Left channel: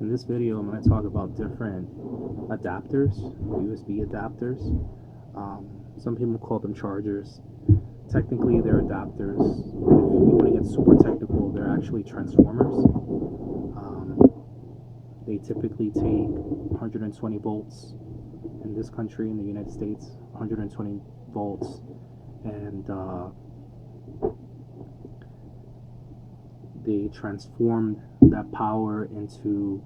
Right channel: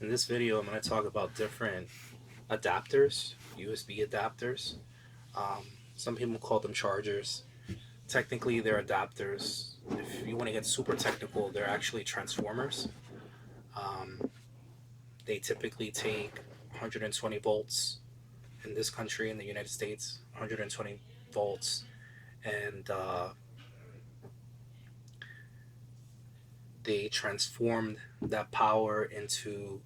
In this video, I'm going to talk about different adapters, USB adapters. Some people call them chargers. Technically, they're adapters. If you want to get super technical, they're actually transformers. They typically take 120 volts in this country, in the United States, 120 volts, and they transformed that power into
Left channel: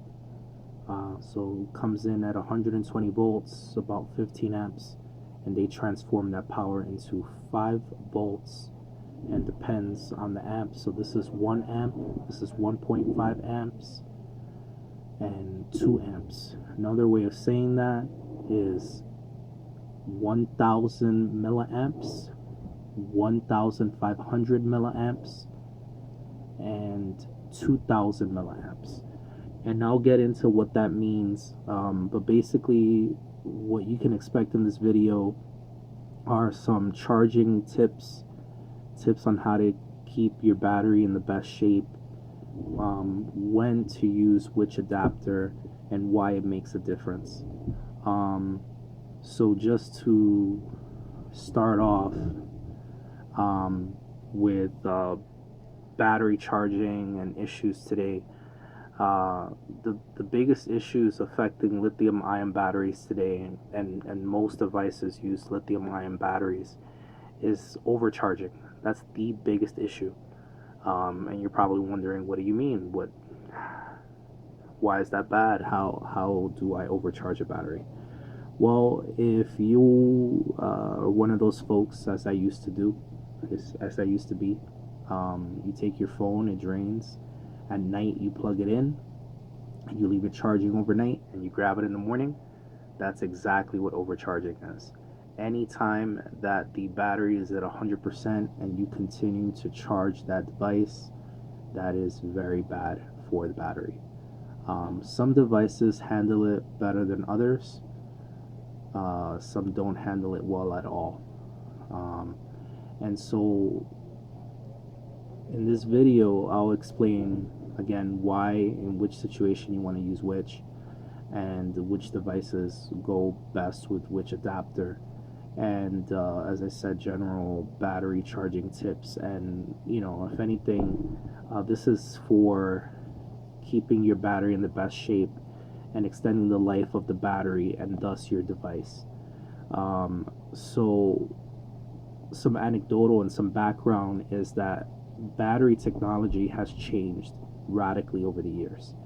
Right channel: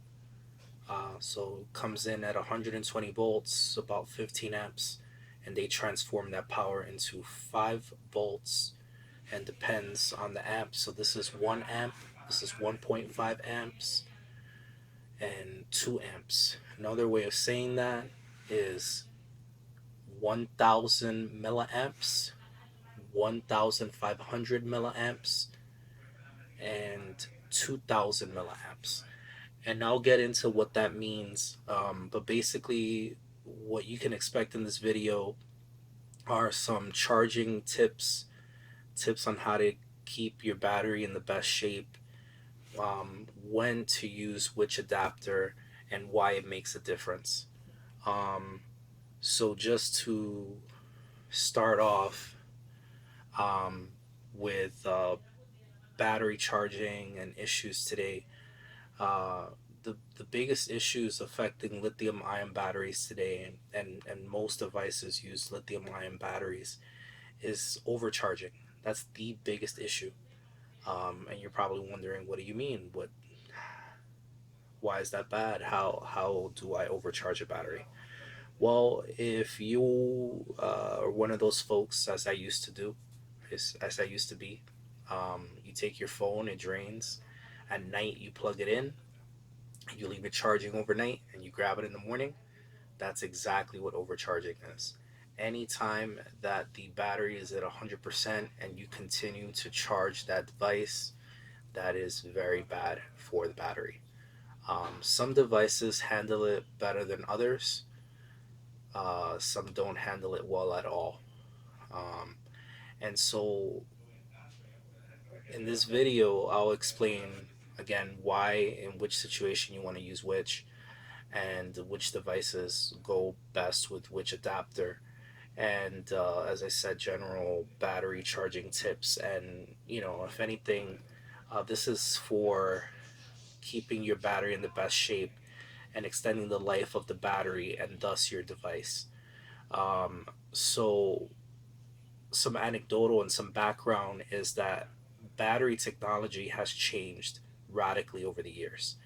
so comes in at 120 volts, about 15 amps, and they transform that power into 5 volts, and depends on the amp. So this is 1 amp, this is 1.5 amps, and 2 amps. Another way of saying that is 1000 milliamps, 1500 milliamps, and 2000 milliamps. And I'll get into what that means. But basically, what you can expect in this video are some charging tips on how to keep your battery in the best shape, when to use which adapter, and why it makes a difference. So just to start off with battery charging and issues today. The biggest issues affecting lithium ion batteries today, and most devices use lithium ion batteries, is overcharging. That's the biggest issue. And you're probably wondering, what do you mean? Why is that bad? How do I overcharge a battery? Well, if you are one of those folks, as I used to do, as I used to be, you take your phone, it drains. At night, you plug it in, you leave it charging overnight, and you grab it in the morning. That's exactly what overcharging is. Anytime that the battery is at 100% and you continue to charge that device, that is very bad for the battery. Some devices handle it better than others. Some don't handle it well at all. And so in this video, I'll explain again why, in which situation you want to use which, and which devices go best with which adapter, and as I said, general battery charging tips. And if anything, this is for keeping your battery in the best shape and extending the life of the battery and thus your device. So some anecdotal and some background is that battery technology has changed radically over the years.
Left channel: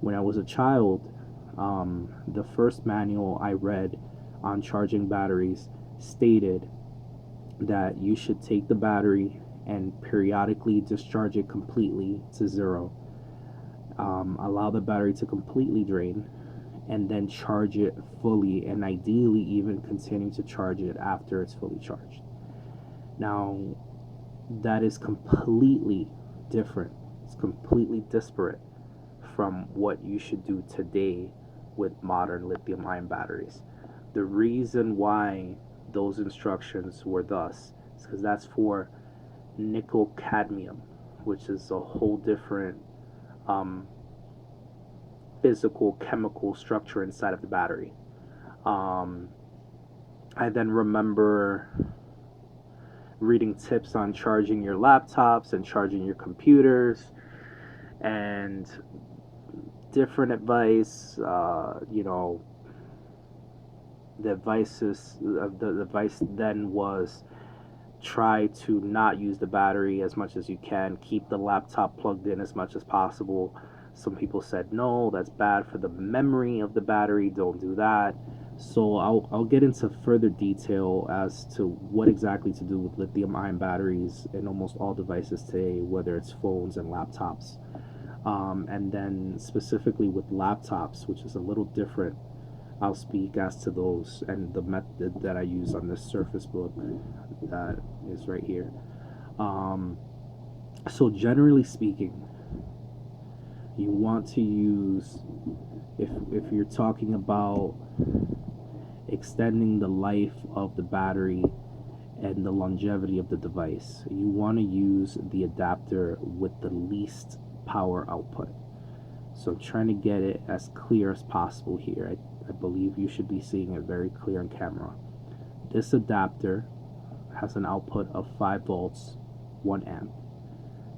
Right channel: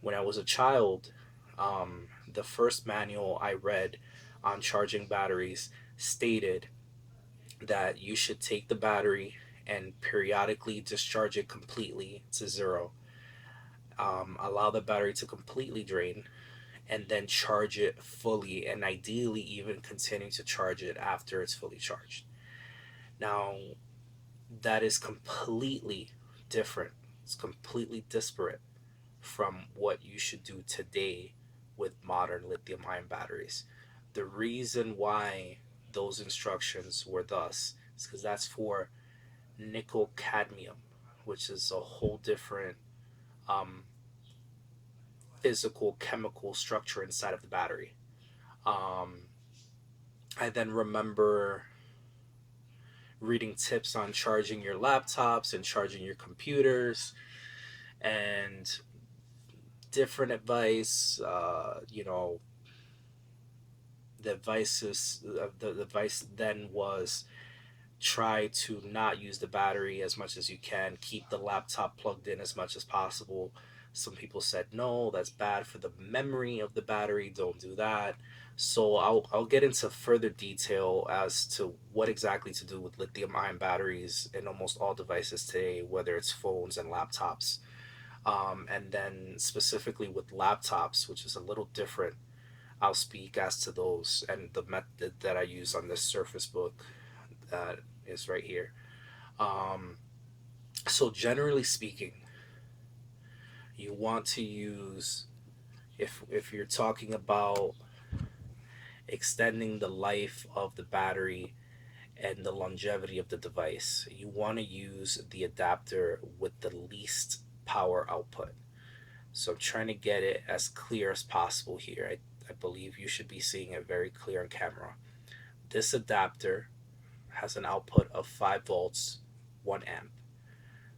When I was a child, the first manual I read on charging batteries stated that you should take the battery and periodically discharge it completely to zero, allow the battery to completely drain, and then charge it fully, and ideally even continue to charge it after it's fully charged. Now, that is completely different. It's completely disparate from what you should do today with modern lithium ion batteries. The reason why those instructions were thus is because that's for nickel cadmium, which is a whole different physical chemical structure inside of the battery. I then remember reading tips on charging your laptops and charging your computers, and different advice. The advice then was, try to not use the battery as much as you can, keep the laptop plugged in as much as possible. Some people said, no, that's bad for the memory of the battery, don't do that. So I'll get into further detail as to what exactly to do with lithium ion batteries in almost all devices today, whether it's phones and laptops. And then specifically with laptops, which is a little different, I'll speak as to those and the method that I use on this Surface Book that is right here. So generally speaking, you want to use, if you're talking about extending the life of the battery and the longevity of the device, you want to use the adapter with the least power output. So I'm trying to get it as clear as possible here. I believe you should be seeing it very clear on camera. This adapter has an output of 5 volts, 1 amp.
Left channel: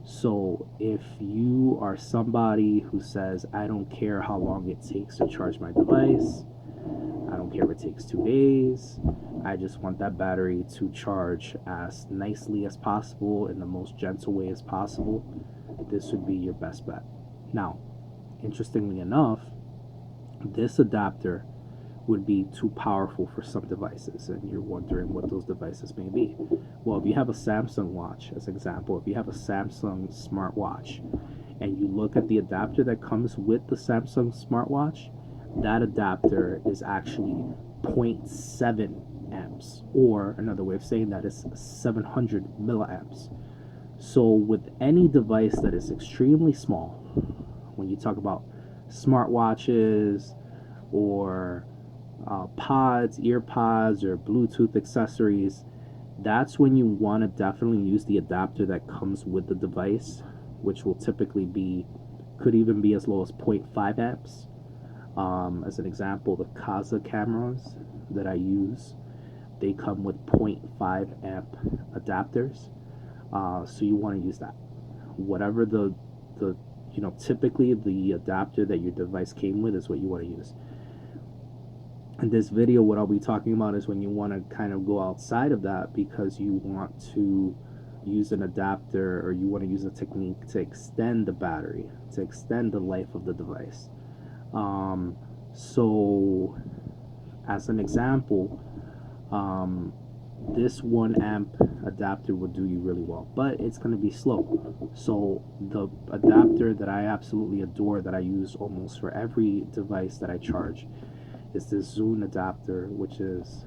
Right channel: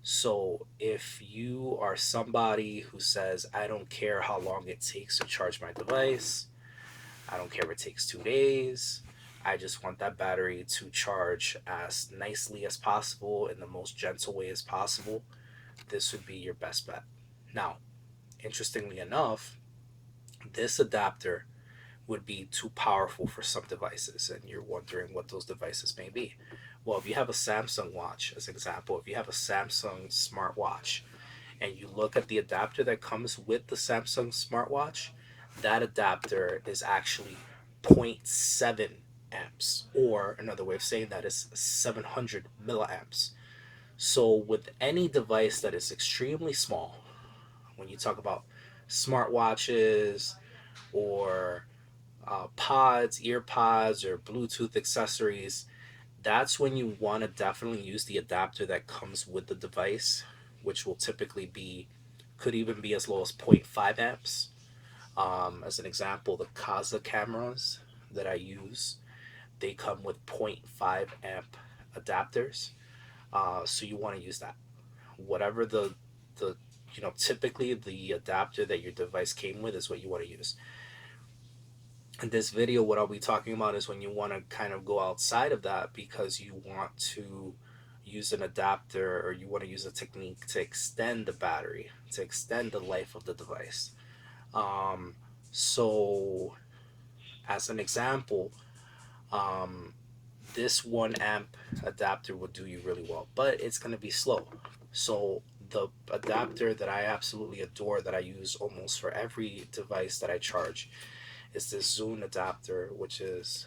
So if you are somebody who says, I don't care how long it takes to charge my device, I don't care if it takes 2 days, I just want that battery to charge as nicely as possible in the most gentle way as possible, this would be your best bet. Now, interestingly enough, this adapter would be too powerful for some devices, and you're wondering what those devices may be. Well, if you have a Samsung watch, as an example, if you have a Samsung smartwatch and you look at the adapter that comes with the Samsung smartwatch, that adapter is actually 0.7 amps, or another way of saying that is 700 milliamps. So with any device that is extremely small, when you talk about smartwatches or pods, ear pods, or Bluetooth accessories, that's when you want to definitely use the adapter that comes with the device, which will typically be, could even be as low as 0.5 amps. As an example, the Kaza cameras that I use, they come with 0.5 amp adapters. So you want to use that. Whatever the typically the adapter that your device came with is what you want to use. In this video, what I'll be talking about is when you want to kind of go outside of that because you want to use an adapter, or you want to use a technique to extend the battery, to extend the life of the device. So as an example, this 1 amp adapter will do you really well, but it's going to be slow. So the adapter that I absolutely adore, that I use almost for every device that I charge, is this Zune adapter, which is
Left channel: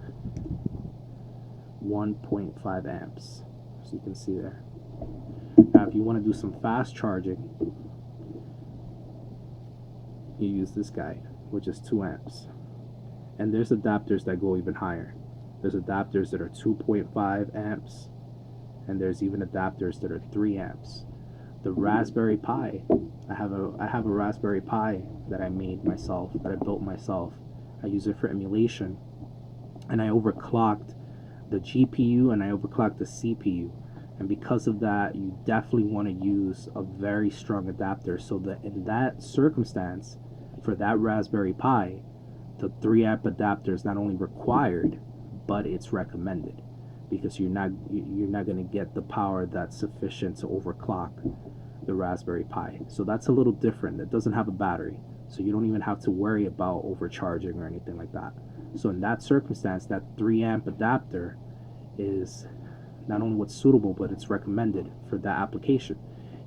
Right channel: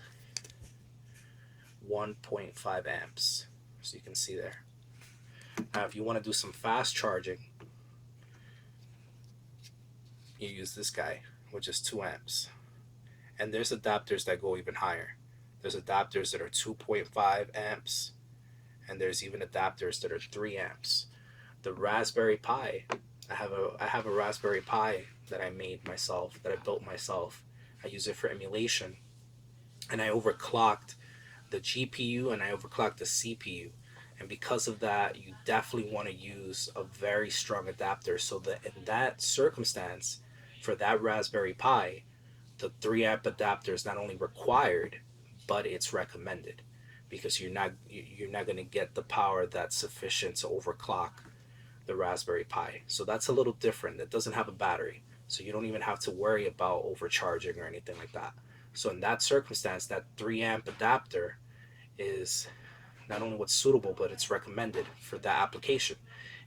1.5 amps. So you can see there. Now if you want to do some fast charging, you use this guy, which is 2 amps. And there's adapters that go even higher. There's adapters that are 2.5 amps, and there's even adapters that are 3 amps. The Raspberry Pi, I have a Raspberry Pi that I made myself, that I built myself. I use it for emulation, and I overclocked the GPU and I overclocked the CPU. And because of that, you definitely want to use a very strong adapter, so that in that circumstance, for that Raspberry Pi, the 3 amp adapter is not only required, but it's recommended, because you're not going to get the power that's sufficient to overclock the Raspberry Pi. So that's a little different. It doesn't have a battery, so you don't even have to worry about overcharging or anything like that. So in that circumstance, that 3 amp adapter is not only what's suitable, but it's recommended for that application.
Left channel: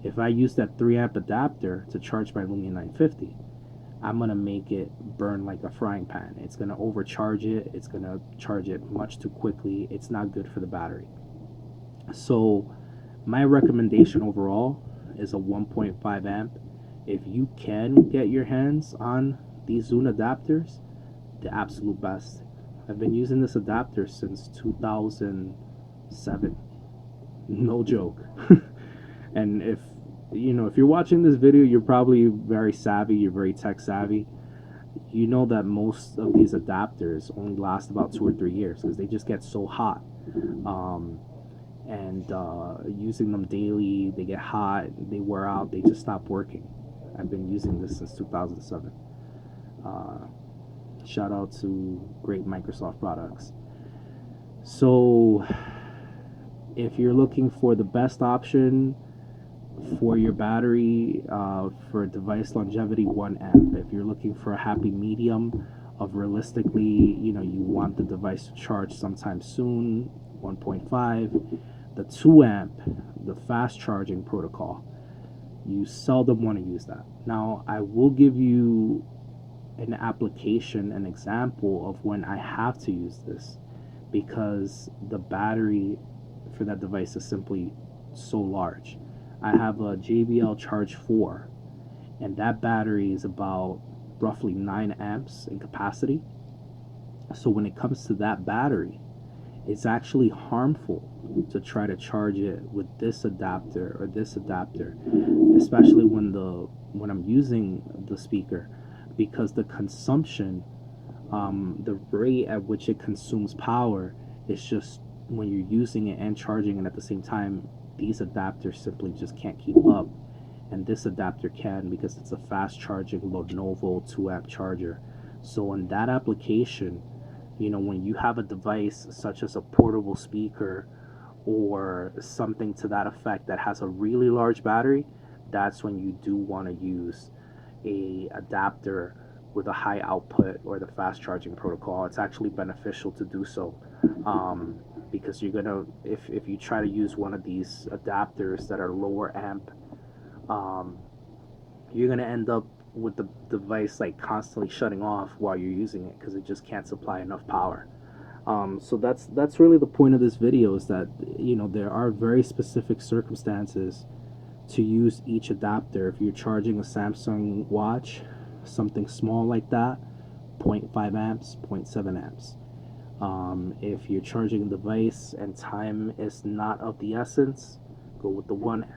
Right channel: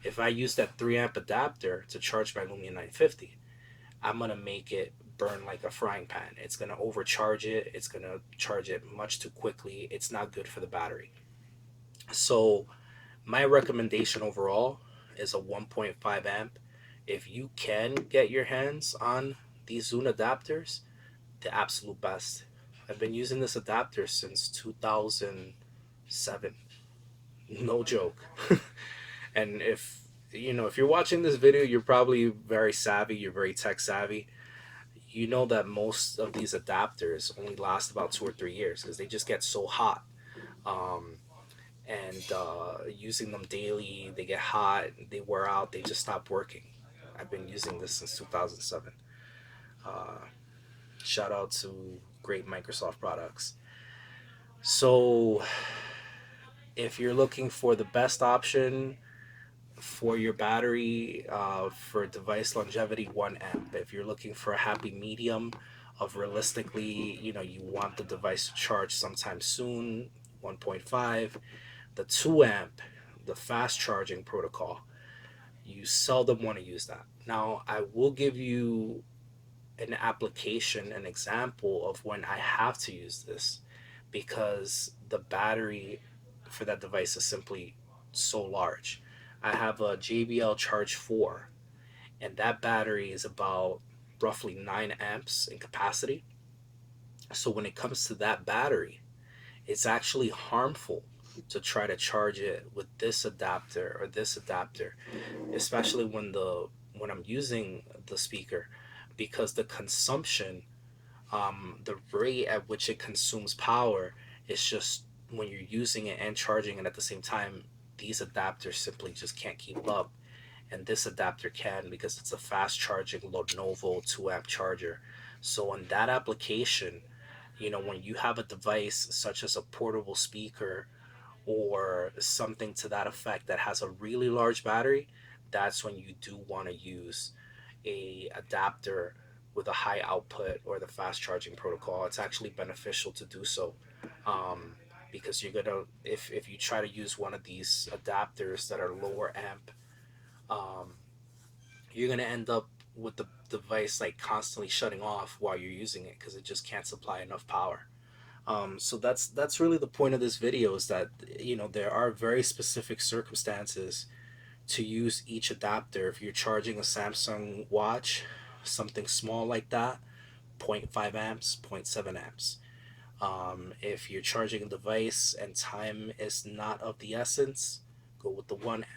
If I use that 3 amp adapter to charge my Lumia 950, I'm going to make it burn like a frying pan. It's going to overcharge it. It's going to charge it much too quickly. It's not good for the battery. So my recommendation overall is a 1.5 amp. If you can get your hands on these Zune adapters, the absolute best. I've been using this adapter since 2007. No joke. And if you're watching this video, you're probably very savvy, you're very tech savvy. You know that most of these adapters only last about 2 or 3 years because they just get so hot. Using them daily, they get hot, they wear out, they just stop working. I've been using this since 2007. Shout out to great Microsoft products. So if you're looking for the best option for your battery, for device longevity, 1 amp. If you're looking for a happy medium of realistically, you want the device to charge sometime soon, 1.5. The 2 amp, the fast charging protocol, you seldom want to use that. Now, I will give you an application, an example of when I have to use this, because the battery for that device is simply so large. I have a JBL Charge 4, and that battery is about roughly 9 amps in capacity. So when it comes to that battery, it's actually harmful to try to charge it with this adapter or this adapter, especially when I'm using the speaker, because the consumption, the rate at which it consumes power is just, when you're using it and charging it at the same time, these adapters simply just can't keep up. And this adapter can, because it's a fast charging Lenovo 2 amp charger. So in that application, when you have a device such as a portable speaker or something to that effect that has a really large battery, that's when you do want to use a adapter with a high output or the fast charging protocol. It's actually beneficial to do so, because you're gonna, if you try to use one of these adapters that are lower amp, um, you're gonna end up with the device like constantly shutting off while you're using it because it just can't supply enough power. So that's really the point of this video, is that there are very specific circumstances to use each adapter. If you're charging a Samsung watch, something small like that, zero point 0.5 amps, 0.7 amps. If you're charging a device and time is not of the essence, go with the 1 amp.